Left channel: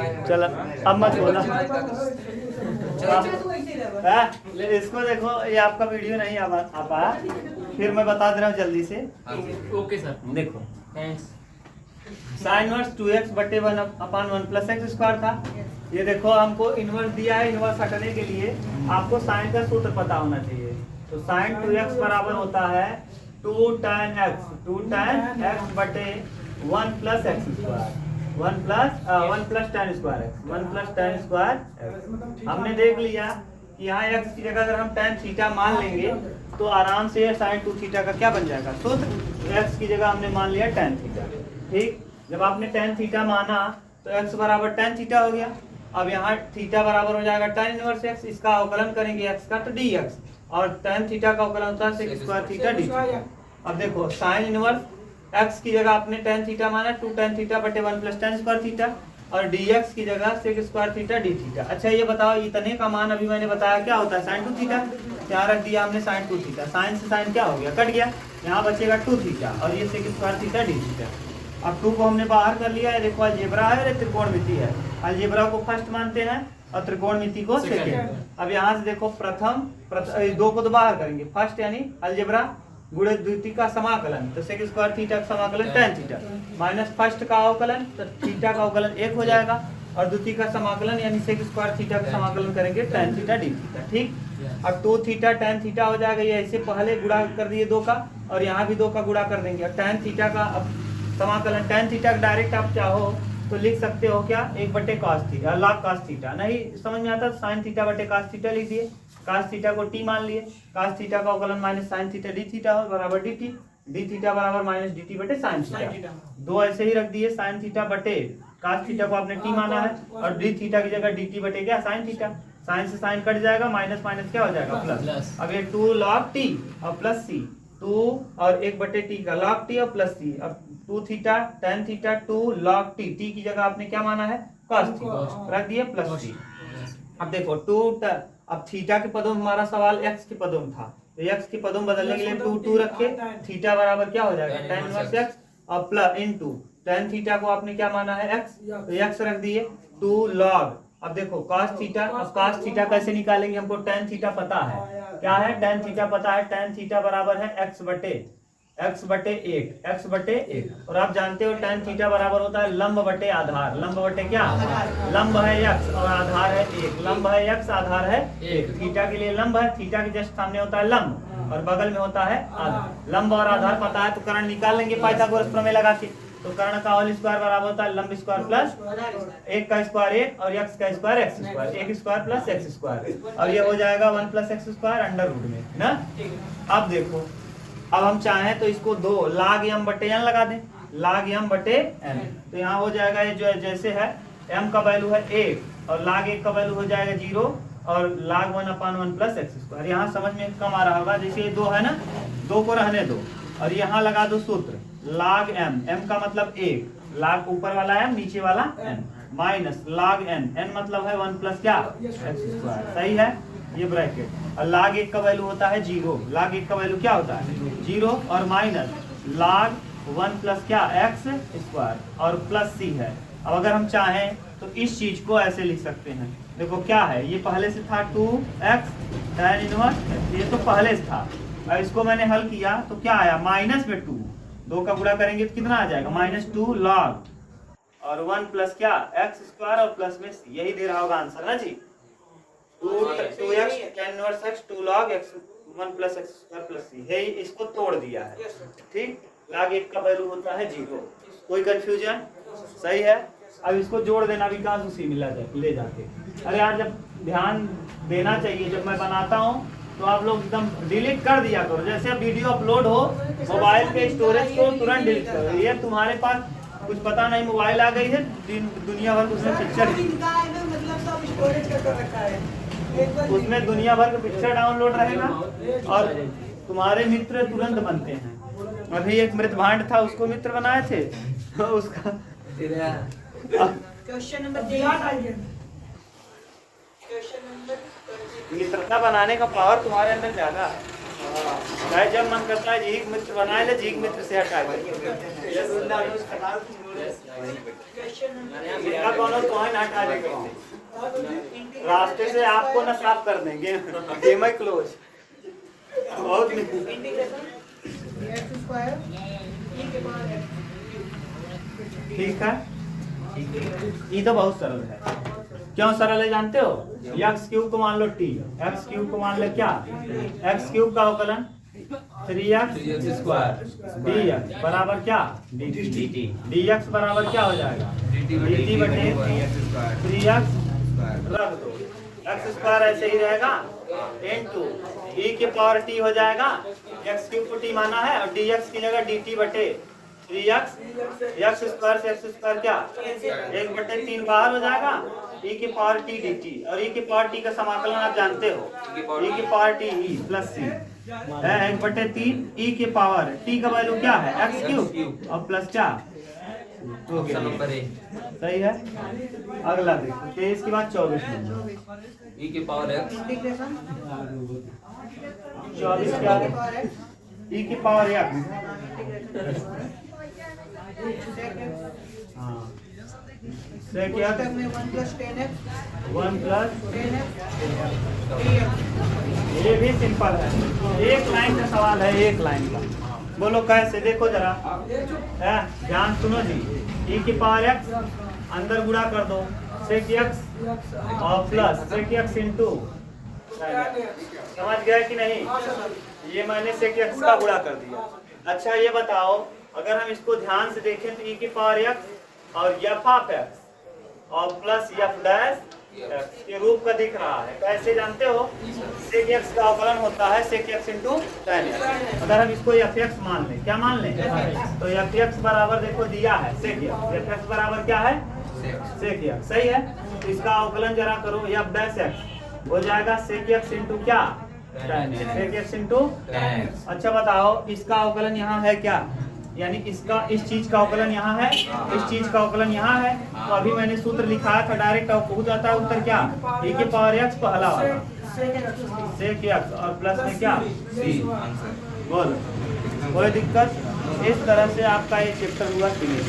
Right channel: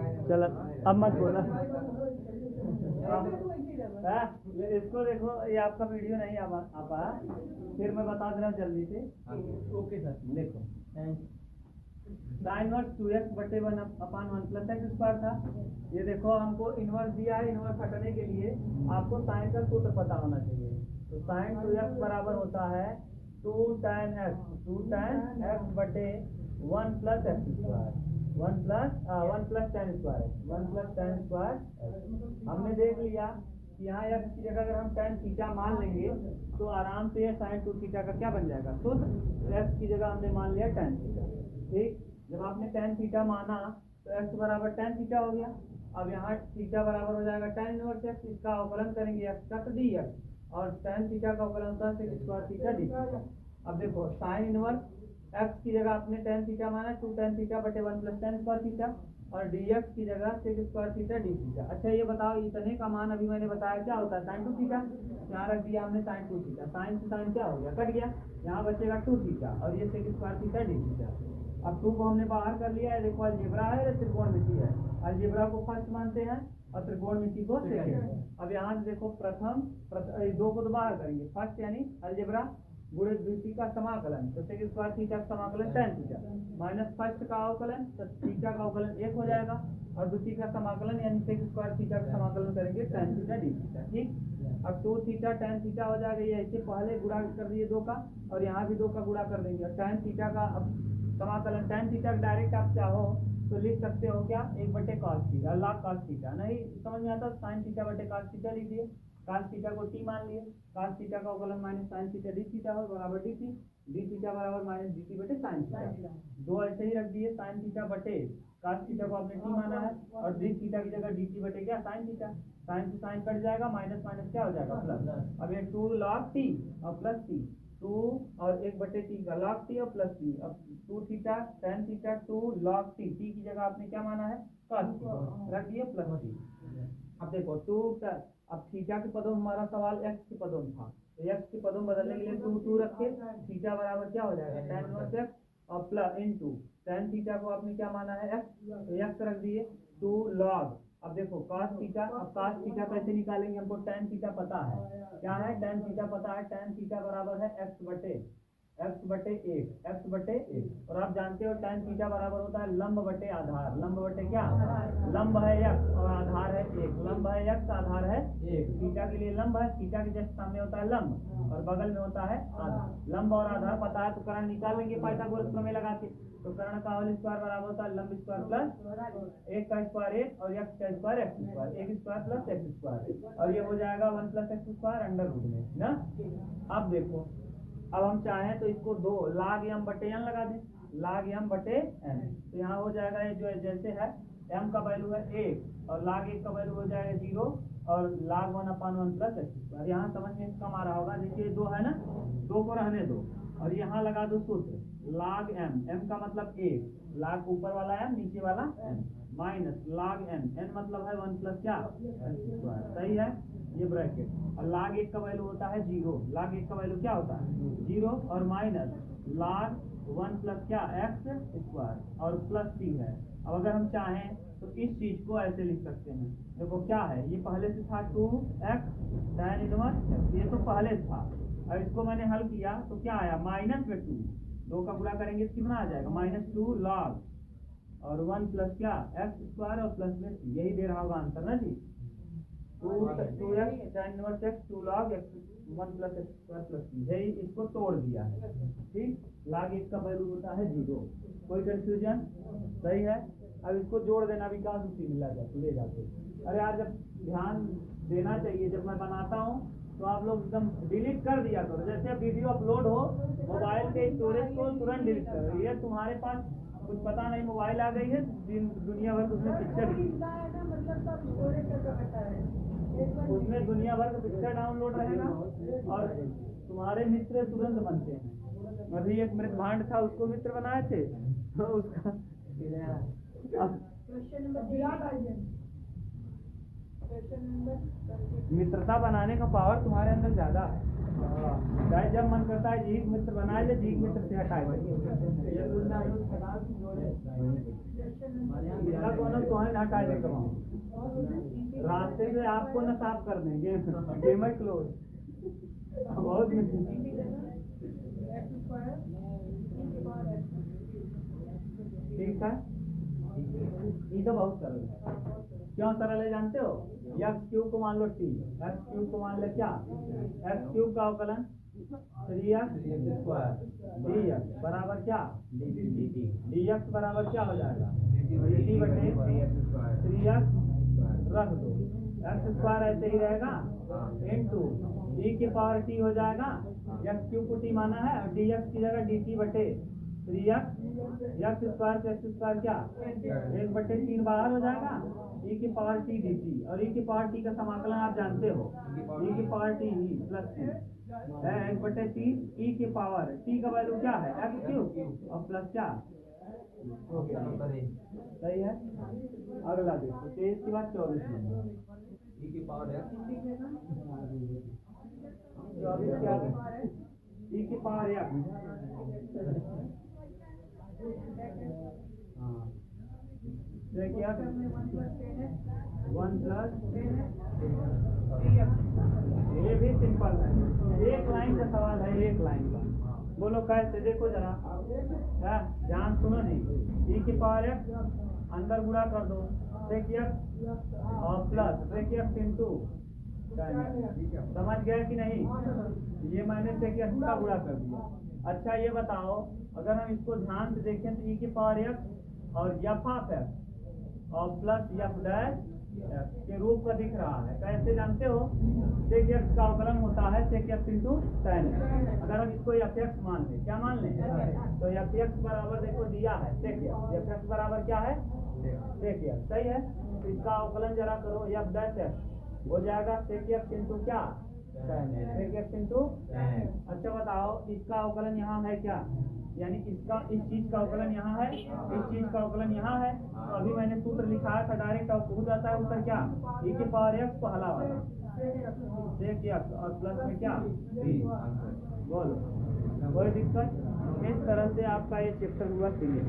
चलो अब मत बोला। इसको देखो, ये आपका वीडियो नहीं आ पाया, फिर मैं बता दे रहा हूँ जल्दी से। ओके सर, देखो थैंक्स। साइन इनवर्स 2x बटे 1/1 प्लस एक्स स्क्वायर था। ये देखो हमको इनवर्स दिया है, इनवर्स हटाने के लिए आपको साइन का सूत्र पता होना चाहिए। तो साइन 2x बराबर होता है 2 tan x बटे 1 plus x square, 1 plus tan square x, 1 plus tan square x. हमने देख लिया कि यहाँ x की जगह अगर हम tan थीटा मान लेंगे तो आराम से साइन 2 थीटा का क्या बन जाएगा सूत्र। तो x की जगह हमने मान लिया tan थीटा। ठीक, जब आपने tan थीटा माना तो x बराबर tan थीटा हो गया। अब यहाँ थीटा बराबर हो जाएगा tan इनवर्स x, इसका अवकलन करेंगे x का तो dx, और tan थीटा का अवकलन होता है sec square theta d theta. अब देखो साइन इनवर्स x की जगह आपने tan थीटा माना 2 tan थीटा बटे 1 प्लस tan स्क्वायर थीटा, और dx की जगह sec square theta d theta. अच्छा ये बताओ इतने का मान अभी मैंने बताया क्या होता है sin 2 थीटा, यहाँ रख दिया हमने sin 2 थीटा, साइन से साइन क्या हो गया कट गया, यहाँ बचेगा 2 थीटा और ये sec square theta d theta. अब 2 को हमने बाहर कर लिया है, देखो अलजेब्रा है और त्रिकोणमिति है, अलजेब्रा को फर्स्ट मानते हैं और त्रिकोणमिति को सेकंड। अब यहाँ से देखो प्रथम 2 को तो बाहर करेंगे, फर्स्ट यानी अलजेब्रा गुणे द्वितीय का समाकलन, तो सेक स्क्वायर थीटा का समाकलन tan थीटा माइनस फर्स्ट का अवकलन, तो थीटा का अवकलन 1 हो जाएगा, और द्वितीय का समाकलन यानी सेक स्क्वायर थीटा का समाकलन करेंगे tan थीटा d थीटा। ठीक, अब 2 थीटा tan थीटा हो जाएगा, ये ऐसे पहले गुणा कर दिए 2 का, और यहाँ भी 2 का गुणा कर देंगे, और tan थीटा का अब समाकलन tan थीटा डायरेक्ट आप चाहो तो लिख सकते हो क्या 1 बटे cos theta, log cos theta. नहीं समझ में आता sin थीटा बटे cos थीटा लिख दिए, cos थीटा को t मान लिए, cos थीटा का अवकलन minus sin theta d theta हो बराबर dt, d थीटा बराबर माइनस dt बटे sin थीटा। 2 ऐसे ही रख दिए, sin थीटा बटे cos थीटा को आपने t माना है, और d थीटा की जगह dt बटे क्या sin थीटा, sin से sin कट जाएगा, माइनस माइनस क्या हो जाएगा प्लस। अब ये 2 log t और प्लस c, 2 और 1 बटे t का log t और प्लस c। अब 2 theta tan theta 2 log t, t की जगह आपने क्या माना है cos थीटा, रख दिए प्लस c। अब देखो 2 अब थीटा के पदों में हमारा सवाल x के पदों में था, तो x के पदों में बदलने के लिए 2 रखे, थीटा बराबर क्या हो जाएगा tan इनवर्स x और प्लस इनटू tan थीटा को आपने क्या माना है x, तो x रख दिए 2 log। अब देखो cos थीटा, अब cos थीटा कैसे निकालेंगे, हमको tan थीटा पता है, क्या है tan थीटा पता है, tan थीटा बराबर है x बटे 1, और आप जानते हो tan थीटा बराबर होता है लंब बटे आधार, लंब बटे क्या, लंब है x और आधार है 1, लंब है x आधार है 1, थीटा के लिए लंब है, थीटा के जस्ट सामने होता है लंब और बगल में होता है आधार। लंब और आधार पता है तो कर्ण निकाल लेंगे पाइथागोरस प्रमेय लगा के, तो कर्ण का होल स्क्वायर बराबर होता है लंब स्क्वायर प्लस 1 का स्क्वायर 1 और x का square x square, 1 square plus x square, और ये हो जाएगा 1 plus x square under root में ना। अब देखो अब हम चाहें तो इसको 2 log m बटे n लगा दें, log m बटे n, तो यहाँ हो जाएगा ये जो जैसे है m का वैल्यू है 1 और log 1 का वैल्यू हो जाएगा 0 और log 1/1 प्लस एक्स स्क्वायर। यहाँ समझ में कम आ रहा होगा, जैसे ये 2 है ना, 2 को रहने दो और यहाँ लगा दो सूत्र log m, m का मतलब 1, log ऊपर वाला m नीचे वाला n, minus log n, n मतलब है 1 प्लस क्या एक्स स्क्वायर, सही है ये ब्रैकेट, और log 1 का वैल्यू होता है 0, log 1 का वैल्यू क्या होता है 0, और माइनस log 1 प्लस क्या एक्स स्क्वायर और प्लस c है। अब अगर हम चाहें तो इस चीज को ऐसे लिख सकते हैं, देखो क्या है, ये पहले से था 2x tan इनवर्स, ये तो पहले से था, और इसको मैंने हल किया तो क्या आया माइनस में 2 का गुणा करेंगे तो कितना आ जाएगा -2 log और 1 प्लस क्या एक्स स्क्वायर और प्लस में c, यही दे रहा होगा आंसर ना जी, 2x tan inverse x 2 log x 1 plus x square plus c है, इसको तोड़ दिया है। ठीक, log 1 का वैल्यू होता है 0, कोई कंफ्यूजन, सही है। अब इसको जोड़ देना विकास उसी में ले जाके, अरे यार जब ध्यान देना चाहिए, जब मैं बनाता हूँ तो आप लोग एकदम डिलीट कर दिया करो, जैसे अब वीडियो अपलोड हो मोबाइल के स्टोरेज को तुरंत डिलीट करो, ये तुम्हारे पास कुछ पता नहीं मोबाइल आ गई है दुनिया भर उसमें पिक्चर, उसमें दुनिया भर का पिक्चर डाउनलोड रहेगा और तुम्हारे मित्र तुरंत बनते हैं। अभी एक मृत भांड था, उसको मित्र बनाए थे उसका क्वेश्चन नंबर मित्रता बनाने का पावर तुम्हारे अंदर ज्यादा है। चाहे जब मन करता है झीक मित्र बनाए ले, झीक मित्र से हटा कौन तो है ना हटा देगा, रास्ते से आपको ना साफ कर देंगे। गेम क्लोज बहुत ठीक है। ये तो बहुत सरल है। क्यों सरल है जानते हो? एक्स क्यूब को मान लो टी, एक्स क्यूब को मान लो क्या, एक्स क्यूब का अवकलन 3x स्क्वायर डी एक्स बराबर क्या, डी एक्स बराबर क्या हो जाएगा, dt बटे 3x रख दो, एक्स स्क्वायर ऐसे ही रहेगा इनटू e के पावर t हो जाएगा, एक्स क्यूब को t माना है और dx की जगह dt बटे 3x, एक्स स्क्वायर से एक्स स्क्वायर क्या 1/3 बाहर हो जाएगा, e की पावर t dt, और e की पावर t का समाकलन आप जानते हो, e की power t e plus c है 1/3 e की पावर t का वैल्यू क्या है एक्स क्यूब और प्लस क्या, सही है। अगला देखो 23 के बाद 24 e की पावर x 24 क्या है, e की पावर x से क्या 1 प्लस ये भी सिंपल है, एक लाइन का सवाल है, एक लाइन का। बोलो कैसे, देखो जरा, ध्यान सुनो जी। e की पावर x अंदर गुणा कर दो sec x और प्लस sec x इंटू, समझ गया कि नहीं? ये मैंने sec x का गुणा कर दिया। अच्छा ये बताओ, अगर हम इसको ध्यान से देखें तो e की पावर x और f ऑफ x और प्लस f डैश के रूप का दिख रहा है, कैसे जानते हो? sec x का अवकलन होता है sec x into tan x। अगर हम इसको fx मान लें, क्या मान लें? तो fx बराबर देखो दिया है sec x, fx बराबर क्या है sec x, सही है। तो इसका अवकलन जरा करो, f डैश x हो जाएगा sec x इंटू क्या tan x, sec x into. अच्छा बताओ, इसका अवकलन यहाँ है क्या, यानी इसका इस चीज का अवकलन यहाँ है, इस चीज का अवकलन यहाँ है, तो अभी मैंने सूत्र लिखा था डायरेक्ट पहुंच जाता है उत्तर क्या, e की पावर x पहला वाला sec x और प्लस में क्या c, बोलो कोई दिक्कत? इस तरह से आपका ये चैप्टर हुआ फिनिश।